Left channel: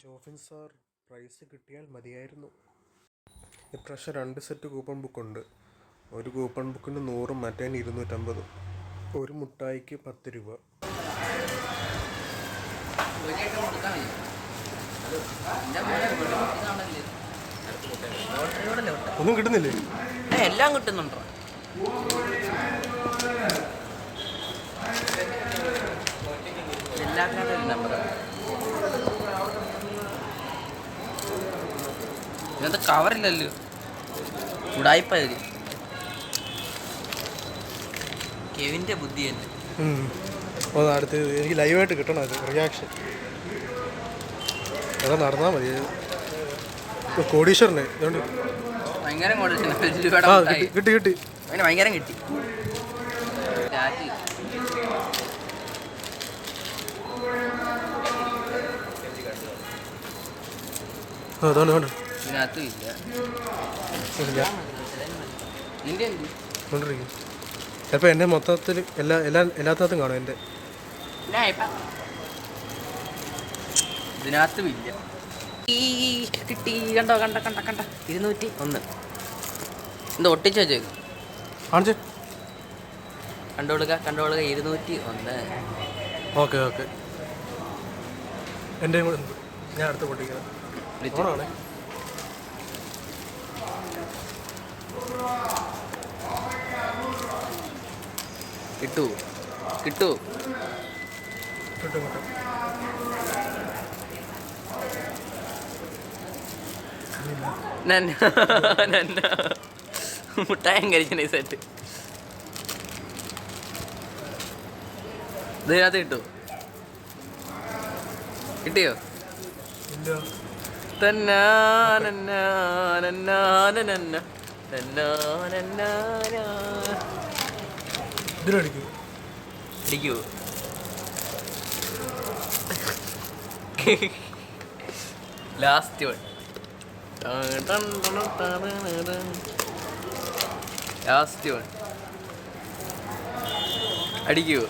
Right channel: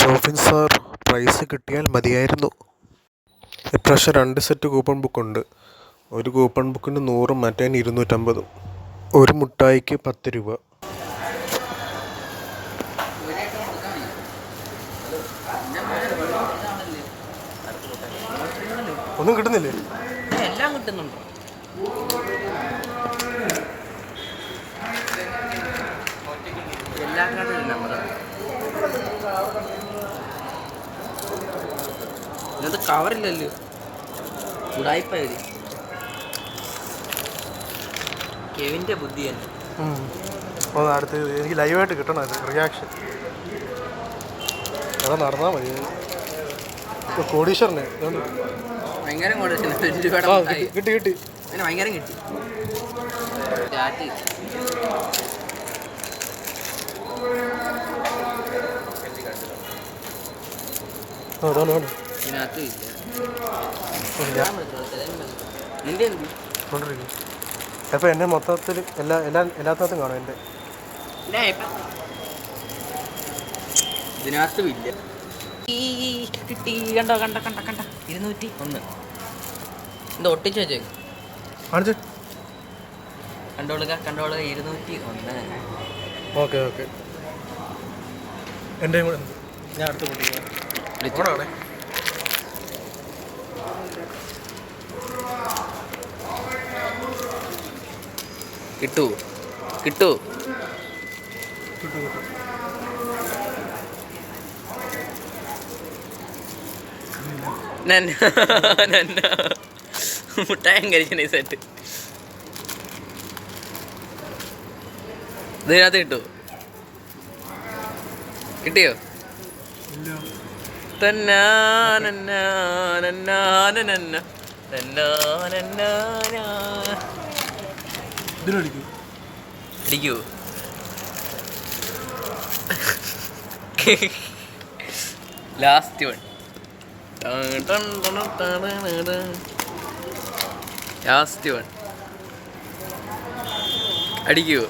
Jofin sir, price കിട്ടിയാൽ മതിയായിരുന്നു. ഇപ്രാവശ്യം 2 സെറ്റ് കൂപ്പൺ ബുക്കുണ്ട്. ഒരു കൂപ്പൺ ബുക്കിന് 100, മറ്റേന് 250. ഒരു മുട്ടായിക്ക് 10 രൂപ. ഒന്നും കിട്ടുന്നില്ലേ? എല്ലാം കിട്ടുന്നുണ്ടോ? എല്ലാം നമ്പറാണ്. ഇങ്ങനത്തെ കവറില്ലല്ലോ, ഉടായിപ്പായി. കെവിൻ്റെ ബുദ്ധി തന്നെ. അടുത്ത് എനിക്ക് ലൈവായിട്ട് കിട്ടണം അത് റിയാക്ഷൻ. അവിടെ നടന്നാൽ മതി. കോടീശ്വരനെ ഭയങ്കര കിട്ടി കിട്ടി ഭയങ്കരം കിട്ടി. ഇതിനകത്ത് നിന്റെ അപ്പം എൻ്റെ മൊത്തത്തിൽ എല്ലാത്തിനകത്തും കാണും. എൻ്റെ ഇതിനകത്തും ഇല്ല. കിട്ടി. കണ്ടോ 201. എന്താ ഒട്ടിച്ച് വെച്ചേക്ക്? കാണിച്ചു കണ്ടോളുക 201. ഓക്കെ എൻ്റെ കൂടെ ഞാൻ അടുത്ത് പൊട്ടിക്കാം. കിട്ടൂ. മുട്ടായം കഴിച്ച സെറ്റ് ഇതിനകത്ത് കിട്ടിയോ? അടിക്കൂ. Last one. അടിക്കൂ.